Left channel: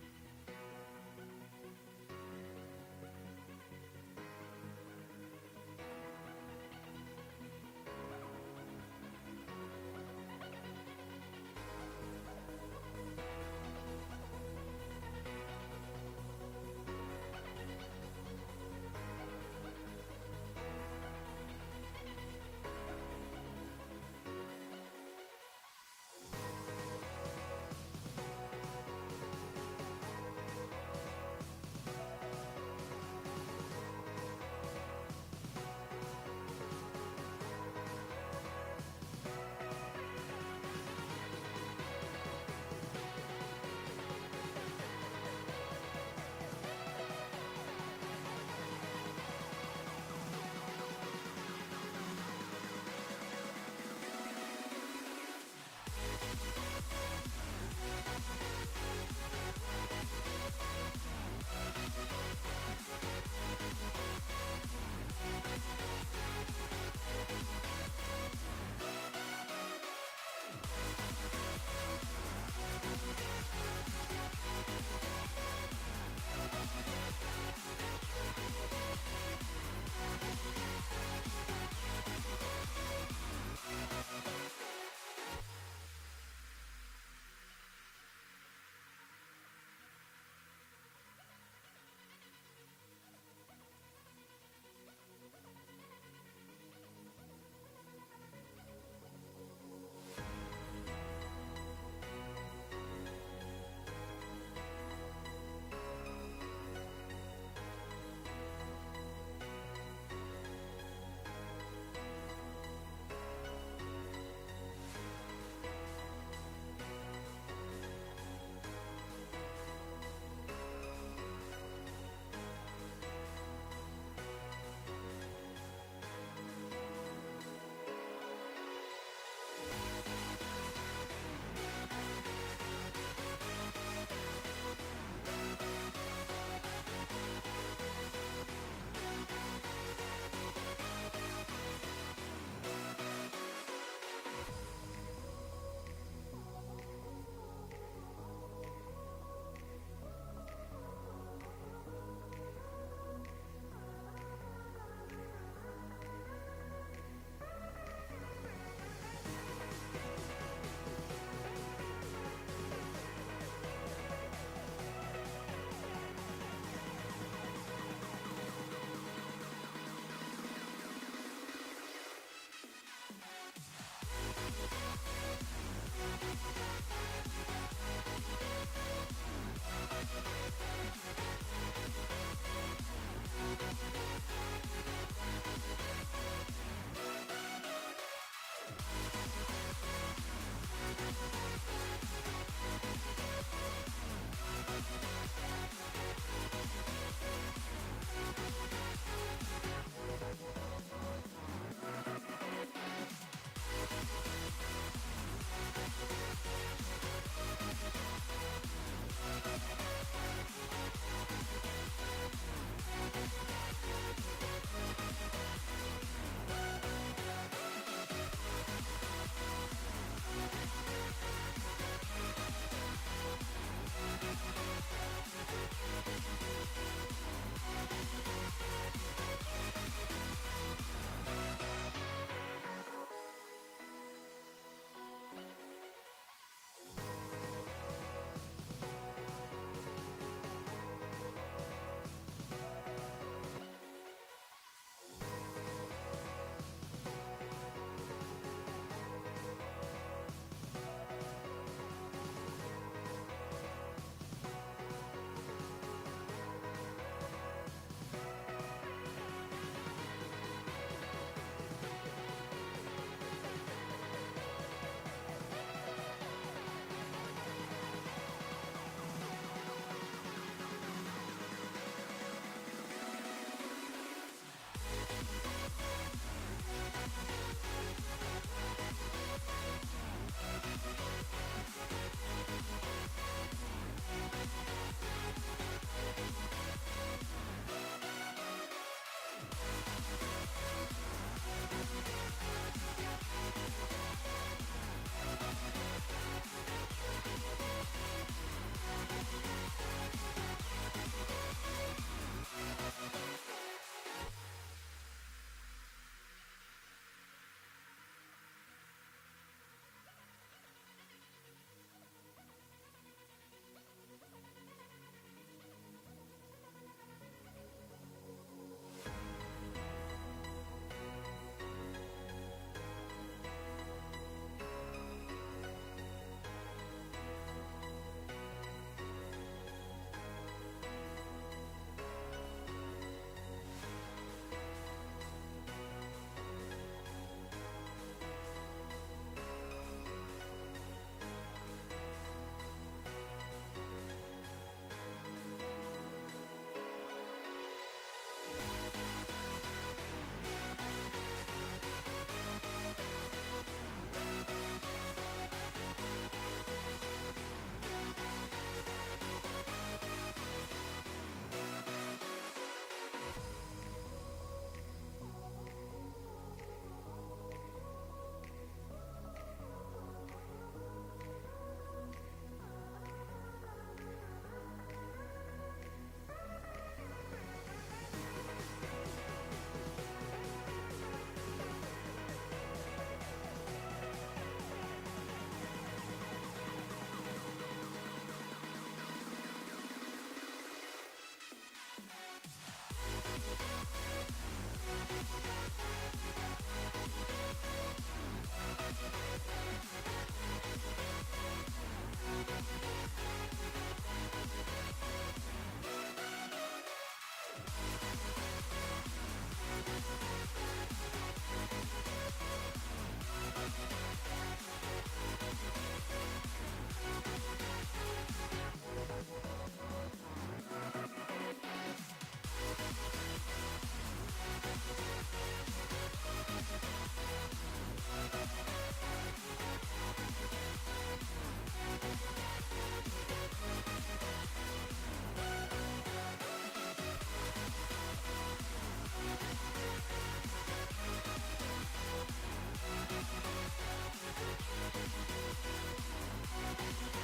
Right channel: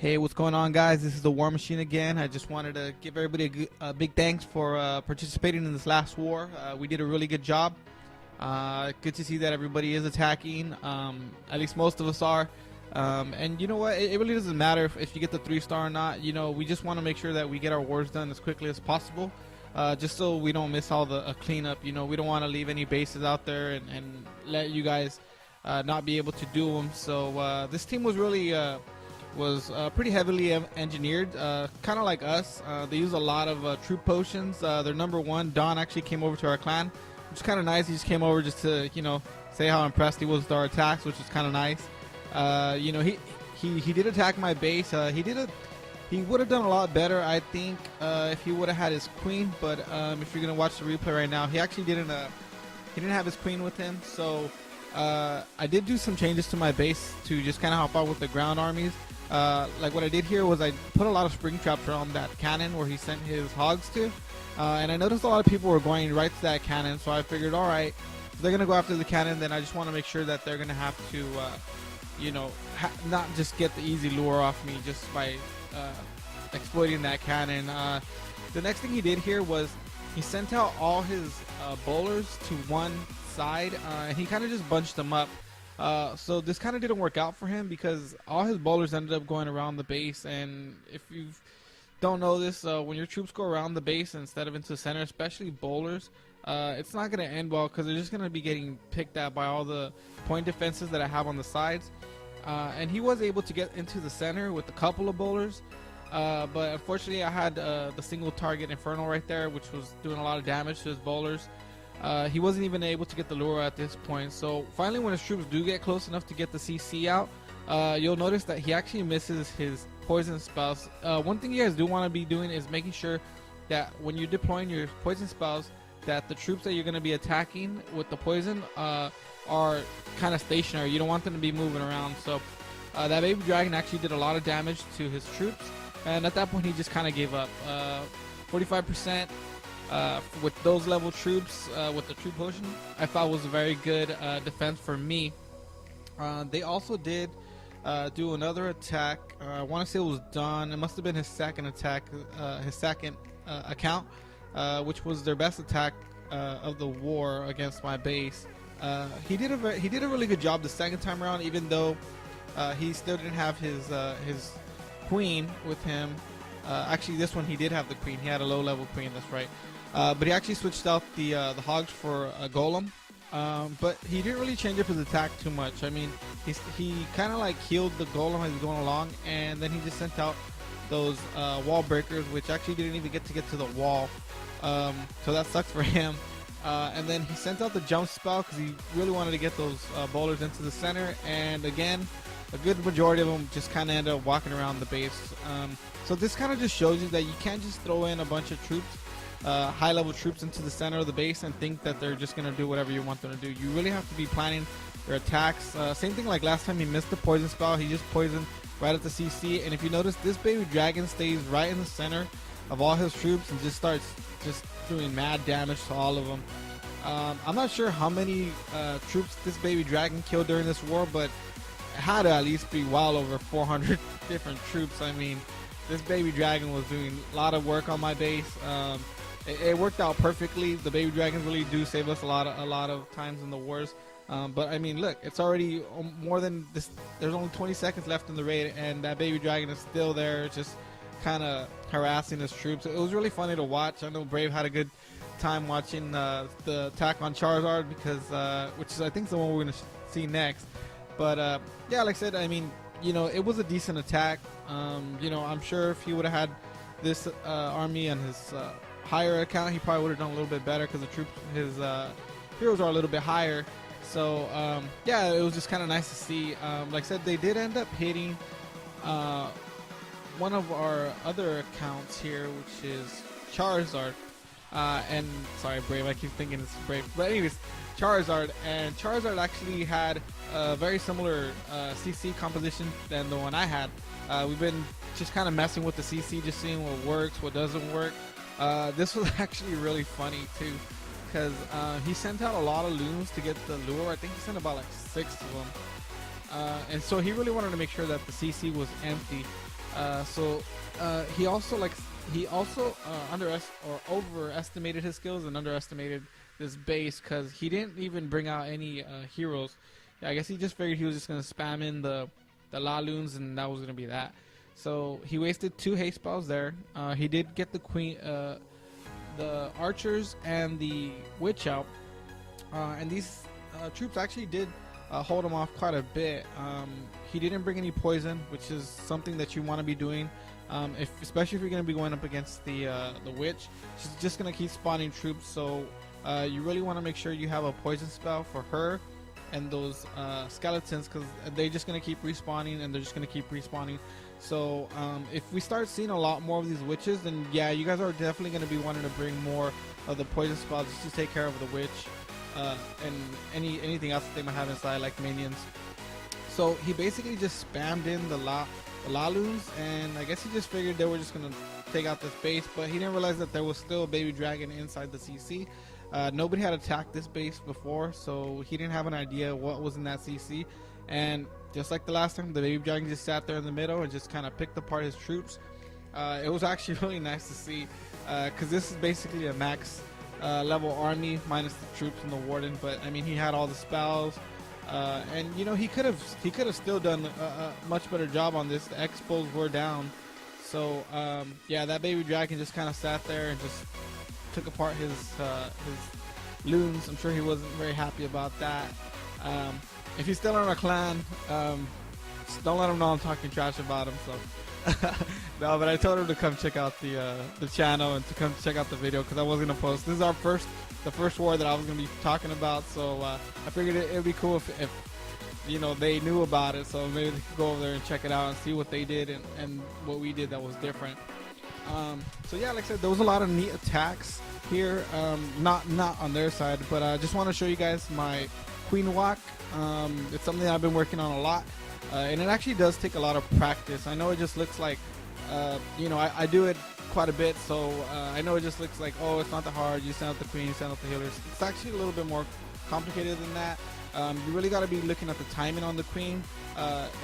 Hey, what's going on, guys? This is the War Machine again. I just wanted to give everybody a big thanks for participating in this last war. We did a really good job. Good to see that everybody is attacking. At least most of us are. And you know what? It really doesn't matter if you get the 3-star or not. You know, we just want to make sure that we get our wars done as quickly as possible. Just so we don't miss all the cleanup. You know, we don't want to leave any bases out there and let you guys not be able to do them. So this team was really pretty heavily engineered, kind of like us. They use a lot of troop potions. Their number one, Don, actually came over to our clan, which is kind of nice. He just came over just to, you know, say how impressed he was with our attacks, which is kind of nice. You know, he did attack my base. He would have done a lot better, I think, if he would have had his queen. But if you're gonna watch the replay right now, he actually didn't have his queen with him. So I did do some changes to my base to just kind of help out with the ground armies. Like what I did here was I put a lot of spring traps around that cannon where he sent his hogs to, and I noticed a lot of people were going right to that cannon. So I figured, all right, if they're gonna go after the cannon, then I just want to make sure that they're gonna have to, you know, not just get the easy lure off me just by exploiting that cannon. The next thing he did here was he sent out all his bowlers to one side, and he kind of just bunched them up. So this kind of didn't work out for him because all his bowlers ended up going around the base. And if you don't know this, when your troops go around the base instead of into the center, especially bowlers, it's not going to end well because they're just going to be getting picked at by all the point defenses that I have on the sides. And he was able to get into the center with a couple of bowlers, but unfortunately I had the single target Inferno right there, which was doing a lot of damage to his bowlers. He wasn't even able to get the lure at this point. So finally, when his troops do get close enough to get the CC out, you'll notice that he actually misses his poison spells. One thing you guys do want to be doing is making sure that when you're deploying your poison spells, that the troops that you're going to be attacking with the poison are kind of stationary. You don't want them to be moving around. So that baby dragon actually did a lot of damage to his troops, and at that point he just kind of gave up. 45% with those level troops, with the troop potion, I thought was a very good defense for me. They also did do another attack. I want to say it was Don. It must have been his second attack, his second account, which was their best attack of the war against my base. He did a really good job the second time around, even though he still didn't have his queen with him. Actually, this one he did have the queen. He had a low level queen. That's right. But he actually switched out the hogs for a golem. But he didn't really change up his attack too much. I mean, he kind of like healed the golem as he's going along, and then he just sent out those wall breakers, which actually didn't even get to the wall. So that sucks for him. And then he sent out the jump spell because he really wanted to get those bowlers into the center. And again, a good majority of them just kind of ended up walking around the base. So this kind of just shows you that you can't just throw in a bunch of troops, high level troops, into the center of the base and think that they're just going to do whatever you want them to do. You really have to be planning your attacks. Same thing like last time he missed the poison spell. He just poisoned right at the CC. And if you notice, this baby dragon stays right in the center of all his troops and just starts just doing mad damage to all of them. I'm not sure how many troops this baby dragon killed during this war, but it had to at least be well over 400 different troops. I mean, this baby dragon was doing a lot of work on my base. It worked out perfectly. The baby dragons really do save us a lot of times in the wars. But I mean, look, it's already more than this. There's only 20 seconds left in the raid, and that baby dragon is still there, just kind of harassing his troops. It was really funny to watch. I know Brave had a good time watching the attack on Charizard because, which is I think the one we're gonna see next. But yeah, like I said, I mean, you know, it was a decent attack. You know, I'm sure if he would have had this army on his higher account, he probably would have done a little bit better because his heroes are a little bit higher. So yeah, it was just kind of nice to see. Like I said, they did end up hitting one of our other accounts here, which is Charizard. And sorry, Brave, I keep thinking it's Brave. But anyways, Charizard. And Charizard actually had a very similar CC composition than the one I had. We've been just kind of messing with the CC, just seeing what works, what doesn't work. This was actually really funny too, because he sent out a lot of loons to get the lure. I think he sent about like 6 of them. And so he really wanted to make sure that the CC was empty. He also overestimated his skills and underestimated this base because he didn't even bring out any heroes. I guess he just figured he was just gonna spam in the Laloons and that was gonna be that. So he wasted 2 haste spells there. He did get the queen, the archers and the witch out, and these troops actually did hold him off quite a bit. He didn't bring any poison, which is something that you want to be doing, especially if you're going to be going up against the witch. She's just going to keep spawning troops, so you really want to make sure you have a poison spell for her and those skeletons, because they're just going to keep respawning and they're just going to keep respawning. So if we start seeing a lot more of these witches, then yeah, you guys are definitely going to be wanting to bring more of the poison spells just to take care of the witch and anything else that they might have inside, like minions. So he basically just spammed in the Laloons, and I guess he just figured they were just going to take out this base, but he didn't realize that there was still a baby dragon inside the CC. Nobody had attacked this base before, so he didn't have an idea what was in that CC. And just like the last time, the baby dragon just sat there in the middle and just kind of picked apart his troops. It was actually really nice to see, because this is basically a max level army minus the troops and the warden. But I mean, he had all the spells, and you know, he could have still done a much better job on this. The expos were down, so yeah, that baby dragon just kind of sat there and just took apart his loons. I'm sure he wasn't very happy about that. If he's still in our clan, don't let him know I'm talking trash about him. So no, but I told him to come check out the channel and to come check out the video, because I was gonna post. This is the first war that I was gonna be talking about. So I figured it'd be cool if you know, they knew about it. So maybe they could go over there and check it out and see what they did and what we did that was different. So yeah, like I said, there was a lot of neat attacks here. Not on their side, but I just want to show you guys my Queen Walk. It's something that I've been working on a lot, and it actually does take a lot of practice. I know it just looks like, you know, I do it quite a bit, so I know it just looks like, oh, it's not that hard. You send out the queen, you send out the healers. It's actually a little bit more complicated than that. You really got to be looking at the timing on the queen,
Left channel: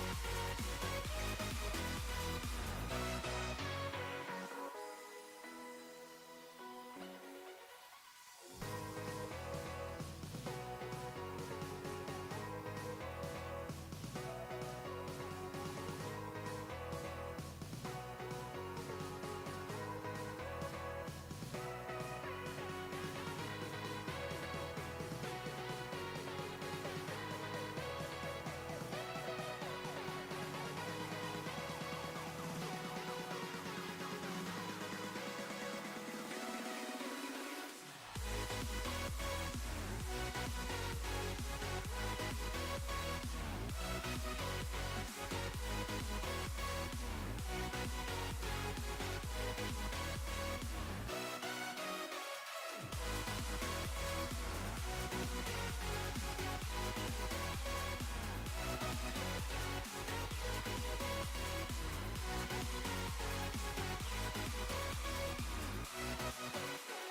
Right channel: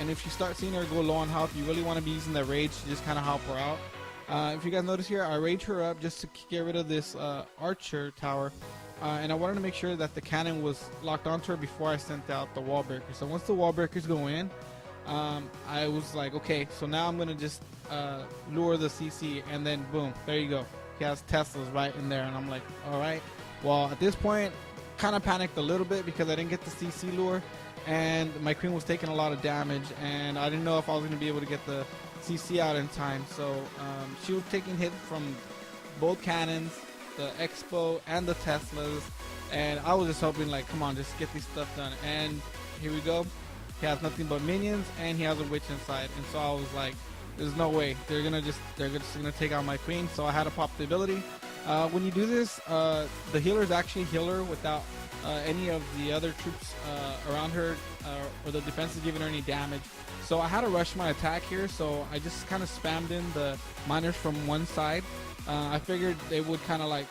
and if you start seeing her go low on health, you really want to be using that rage to just kind of help her out. If you guys notice here, I rage her up just to get rid of this archer tower. And I wanted to make sure that the cannon was locked onto her before I sent out the wall breaker. So once the wall breakers go in, I was like, okay, so now I'm going to just lure the CC, and then boom, there you go. He has Teslas right in there, and I'm like, all right. Well, at this point, kind of panicked a little bit because I didn't get the CC lure, and my queen was taking a lot of damage, and I didn't know if I was going to be able to get the CC out in time. So she was taking hit from both cannons, the Expo and the Teslas, and I was just hoping, like, come on, just get these stuff done. And here we go. He has nothing but minions, and he has a witch inside. And so I was like, there's no way they're just gonna take out my queen. So I had to pop the ability. When you do this, the healers actually heal her without any of the other troops around her, or the defense is giving her any damage. So I had to rush my attack here, so I just kind of spammed in the miners from one side. I figured they would kind of like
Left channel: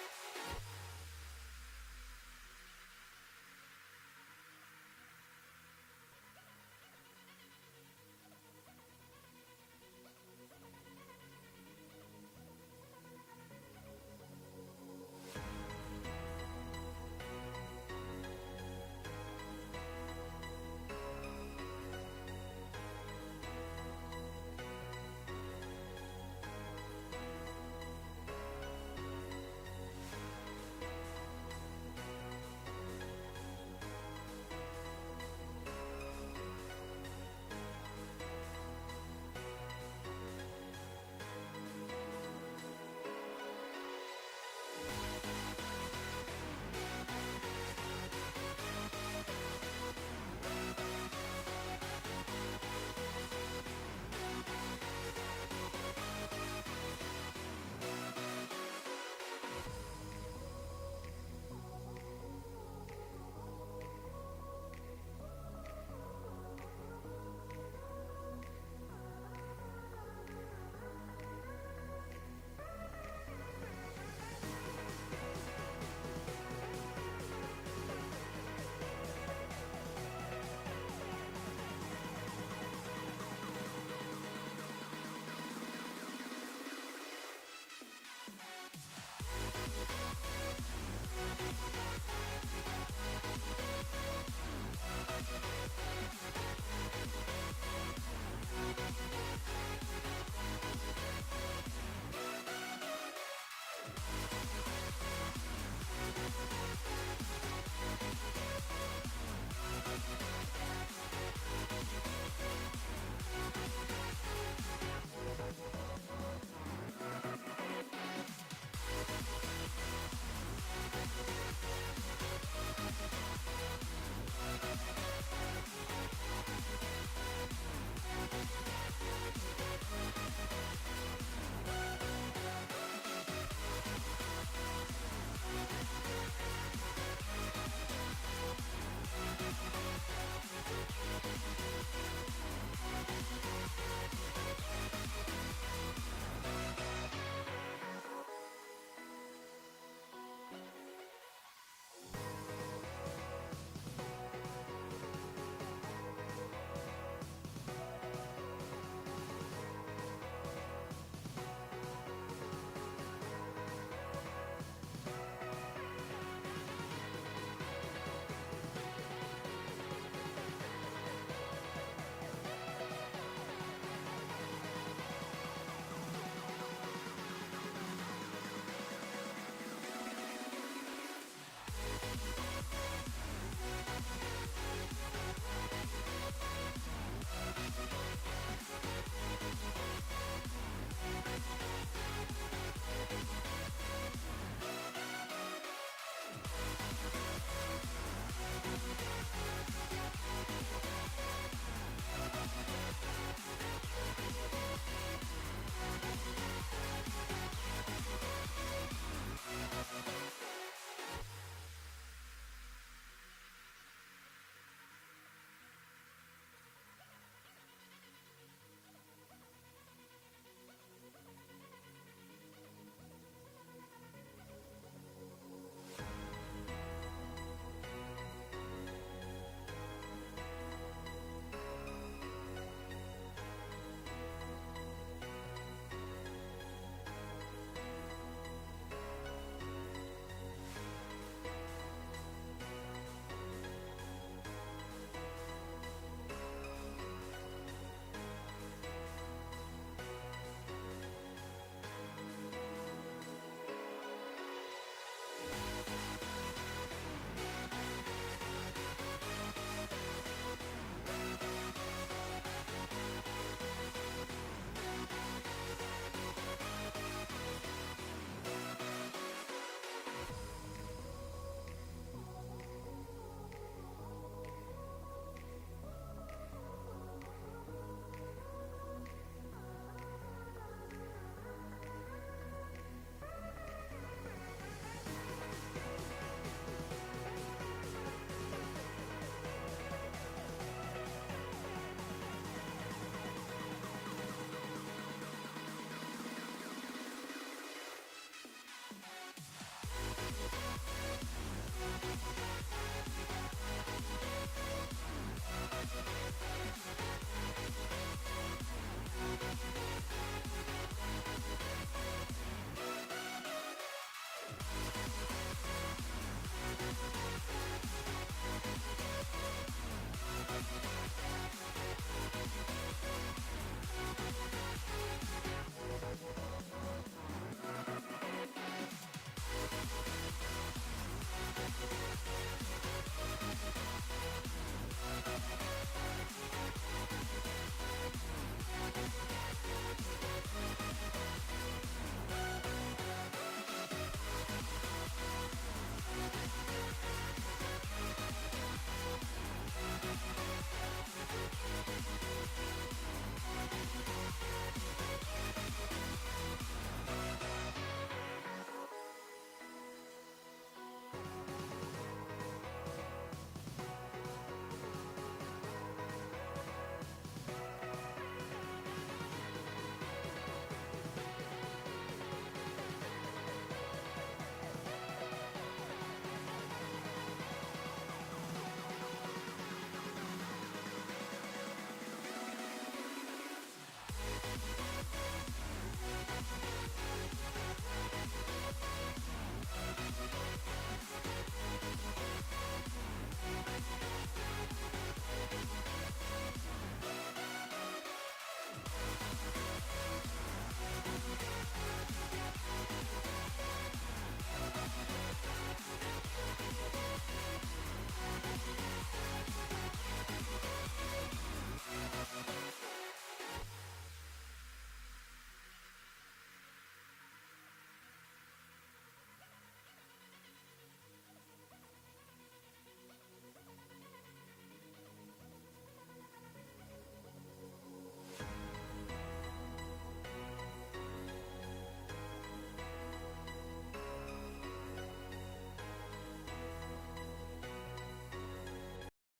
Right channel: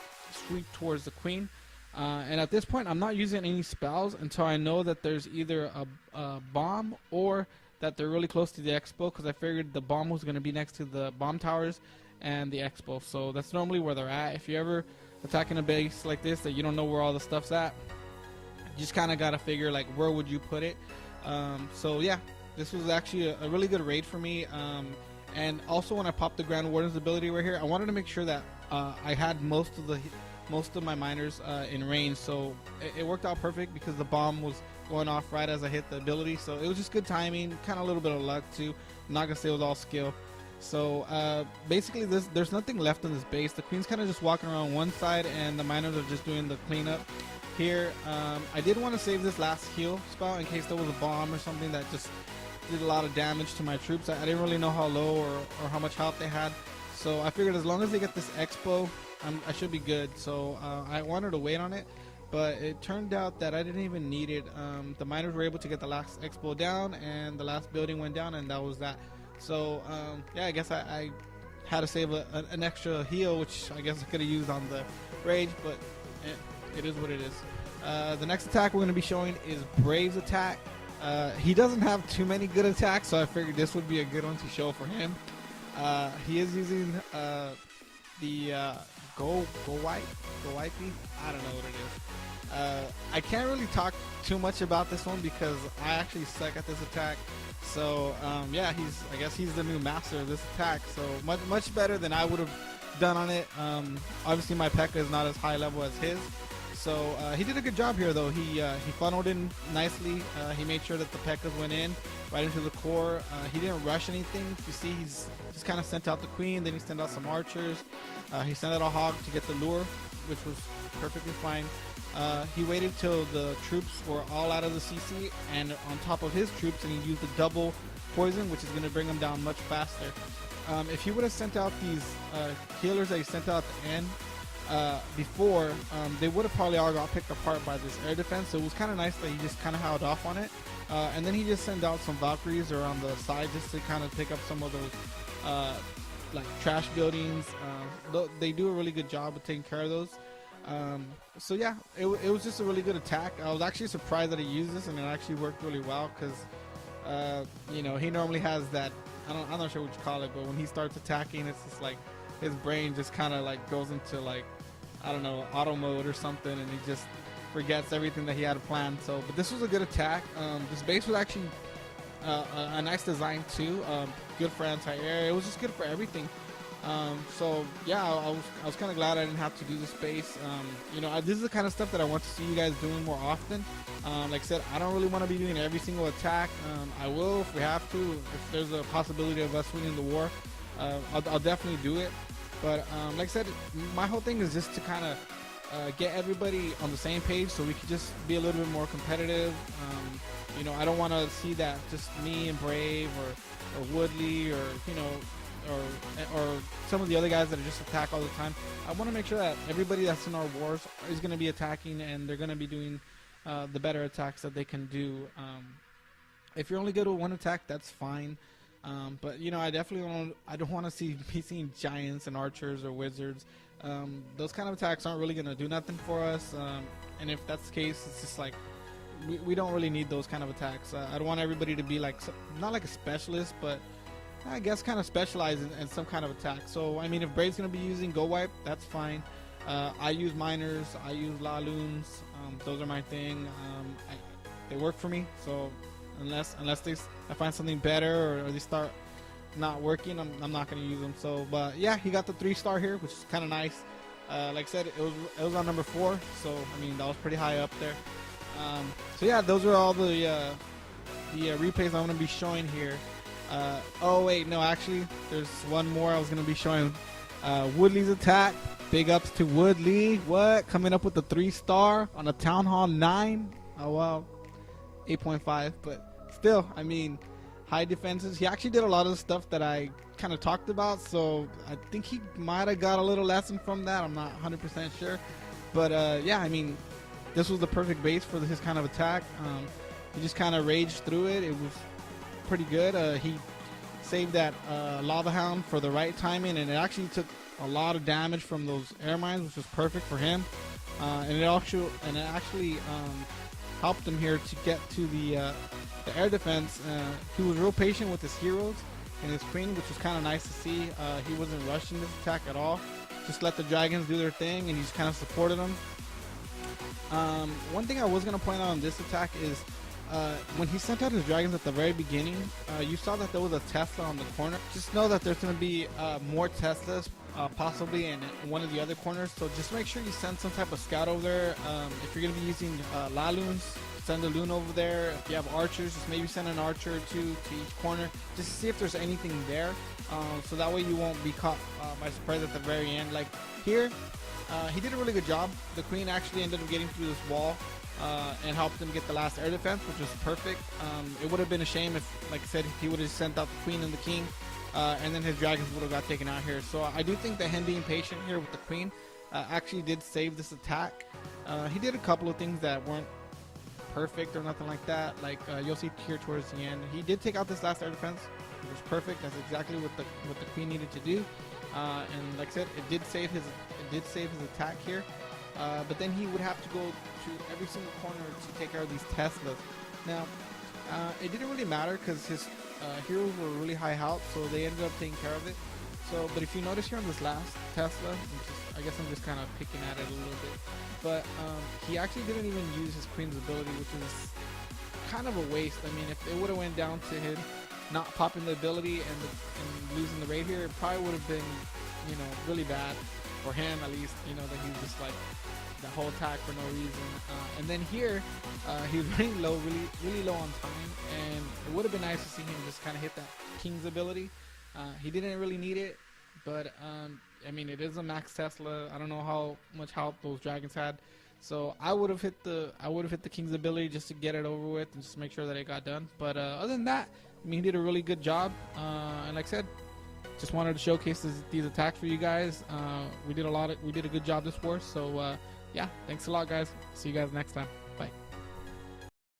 sweep towards the queen. And at this point, I'm not using any spells until I know that there's either a bomb or that they're really close to the Expo, because I figured the bomb was going to be next to the bomb towers and the Expo. So that's normally where they're at. If you're ever attacking a base like this that you don't know where all the stuff's at, you just kind of got to figure, like, where would you put it. So yeah, this was actually a really good raid for me. And also, when I popped the Grand Warden's ability right here, I wanted to make sure that I had most of my miners in range. So it worked out perfect because the bomb was going off right as I hit the ability. So it was just good timing, kind of a little bit of luck too. I'm not gonna say it was all skill. So basically, there's nothing left in this base. The queen's kind of just walking around one side, and the miners are just doing the cleanup here. I did want to save this last heal spell in case there was a bomb or something that just did a lot of damage to my troops. I didn't really know how low or how much health they had, so I figured as long as they get this Expo, I should be good. So I wanted to wait on it, but it turned out that I didn't even need it. The miners were able to get the last Expo down, and the last building went down, and that was that. So yeah, I guess I had to save an extra heal, which I guess I could have used on the raid, but it is what it is. The next attack we're going to be showing is Brave's attack. He doesn't have too many good attacks, so I figured this would be a good one to show for him. He is using the go white, I don't know what it is. I can't really talk too much about this one because I actually suck at this attack. So yeah, I guess he's the new master of this attack. So much better than I would have done on it. Obviously my P.E.K.K.A is not as high level as his. So he did a good job here though. He funneled in nicely. He made sure that the P.E.K.K.As went in right into the core. He didn't rush anything. You see, he's just kind of sent out the queen, then he sent out some archers. He sent out a hawk to get the lure, which was perfectly fine. He waited till the troops were all out of the CC and on top of his troops, and he used a double poison, which is going to bring him down much faster. If he would have sent out these healers that he sent out at the end before, they would have probably all got picked apart by this air defense. So it was kind of nice that he just kind of held off on it. And then he just sent out some Valkyries around the side just to kind of take up some of those like trash buildings. They do a really good job of taking care of those. So yeah, it was just a really good attack. I was actually surprised that he used this, and it actually worked really well because you know, he normally has that, I'm not sure what you call it, but when he starts attacking, it's just like his brain just kind of like goes into like, I don't know, auto mode or something, and he just forgets everything that he had planned. So, but this was a good attack. This base was actually a nice design too. Good for anti-air. It was just good for everything. So yeah, I was kind of glad I didn't have to do this base. You know, this is the kind of stuff that I want to see you guys doing more often. Like I said, I don't really want to be doing every single attack. I will if we have to. If there's a possibility of us winning the war, I'll definitely do it. But like I said, my whole thing is just to kind of get everybody on the same page so we can just be a little bit more competitive. You know, I don't want to see that just me and Brave or Woodley or, you know, or some of the other guys that just attack all the time. I want to make sure that everybody that's in our wars is going to be attacking, and they're going to be doing the better attacks that they can do. If you're only good with one attack, that's fine. But you know, I don't want to see me seeing giants and archers or wizards. Those kind of attacks aren't really going to do nothing for us. And if that's the case, it's just like we don't really need those kind of attacks. I don't want everybody to be like, not like a specialist, but I guess kind of specialize in some kind of attack. So I mean, if Brave's going to be using Go Wipe, that's fine. I use miners, I use Laloons. Those are my thing. They work for me. So unless I find something better or they start not working, I'm not going to use them. So, but yeah, he got the 3-star here, which is kind of nice. Like I said, it was on number 4, so I mean that was pretty high up there. So yeah, those are all the replays I'm going to be showing here. Oh wait, no, actually there's one more I was going to be showing. Woodley's attack. Big ups to Woodley. What? Coming up with the 3-star on a Town Hall 9. Oh well, 8.5, but still, I mean, high defenses. He actually did a lot of the stuff that I kind of talked about, so I think he might have got a little lesson from that. I'm not 100% sure, but yeah, I mean, this was the perfect base for his kind of attack. He just kind of raged through it. It was pretty good. He saved that Lava Hound for the right timing, and it actually took a lot of damage from those air mines, which was perfect for him. And it actually helped him here to get to the air defense. He was real patient with his heroes and his queen, which was kind of nice to see. He wasn't rushing this attack at all. Just let the dragons do their thing, and he just kind of supported them. One thing I was going to point out on this attack is when he sent out his dragons at the very beginning, you saw that there was a Tesla on the corner. Just know that there's going to be more Teslas possibly in one of the other corners, so just make sure you send some type of scout over there. If you're going to be using Laloons, send a loon over there. If you have archers, just maybe send an archer or two to each corner just to see if there's anything there, so that way you won't be caught by surprise at the very end. Like here, he did a really good job. The queen actually ended up getting through this wall and helped him get the last air defense, which was perfect. It would have been a shame if, like I said, he would have sent out the queen and the king, and then his dragons would have got taken out here. So I do think that him being patient here with the queen actually did save this attack. He did a couple of things that weren't perfect or nothing like that. Like you'll see here towards the end, he did take out this last air defense. It was perfect. That's exactly what the queen needed to do. And like I said, it did save his attack here. But then he would have to go to every single corner to take care of these Teslas. Now, It didn't really matter because his heroes were really high health, so they ended up taking care of it. So, but if you notice here on this last Tesla, I guess I'm just kind of picking at it a little bit, but he actually didn't even use his Queen's ability, which is kind of a waste. I mean, if it would have went down to him not popping the ability and using the raid here, it probably would have been, really bad for him at least. That he was just like the whole attack for no reason. And then here, he was running low, really low on time, and it would have been nice to see him just kind of hit that King's ability. He didn't really need it, but I mean, it is a max Tesla. I don't know how much help those dragons had, so I would have hit the King's ability just to get it over with and just make sure that it got done. But other than that, I mean, he did a really good job. And like I said, just wanted to showcase these attacks for you guys. We did a good job this war. So yeah, thanks a lot, guys. See you guys next time. Bye.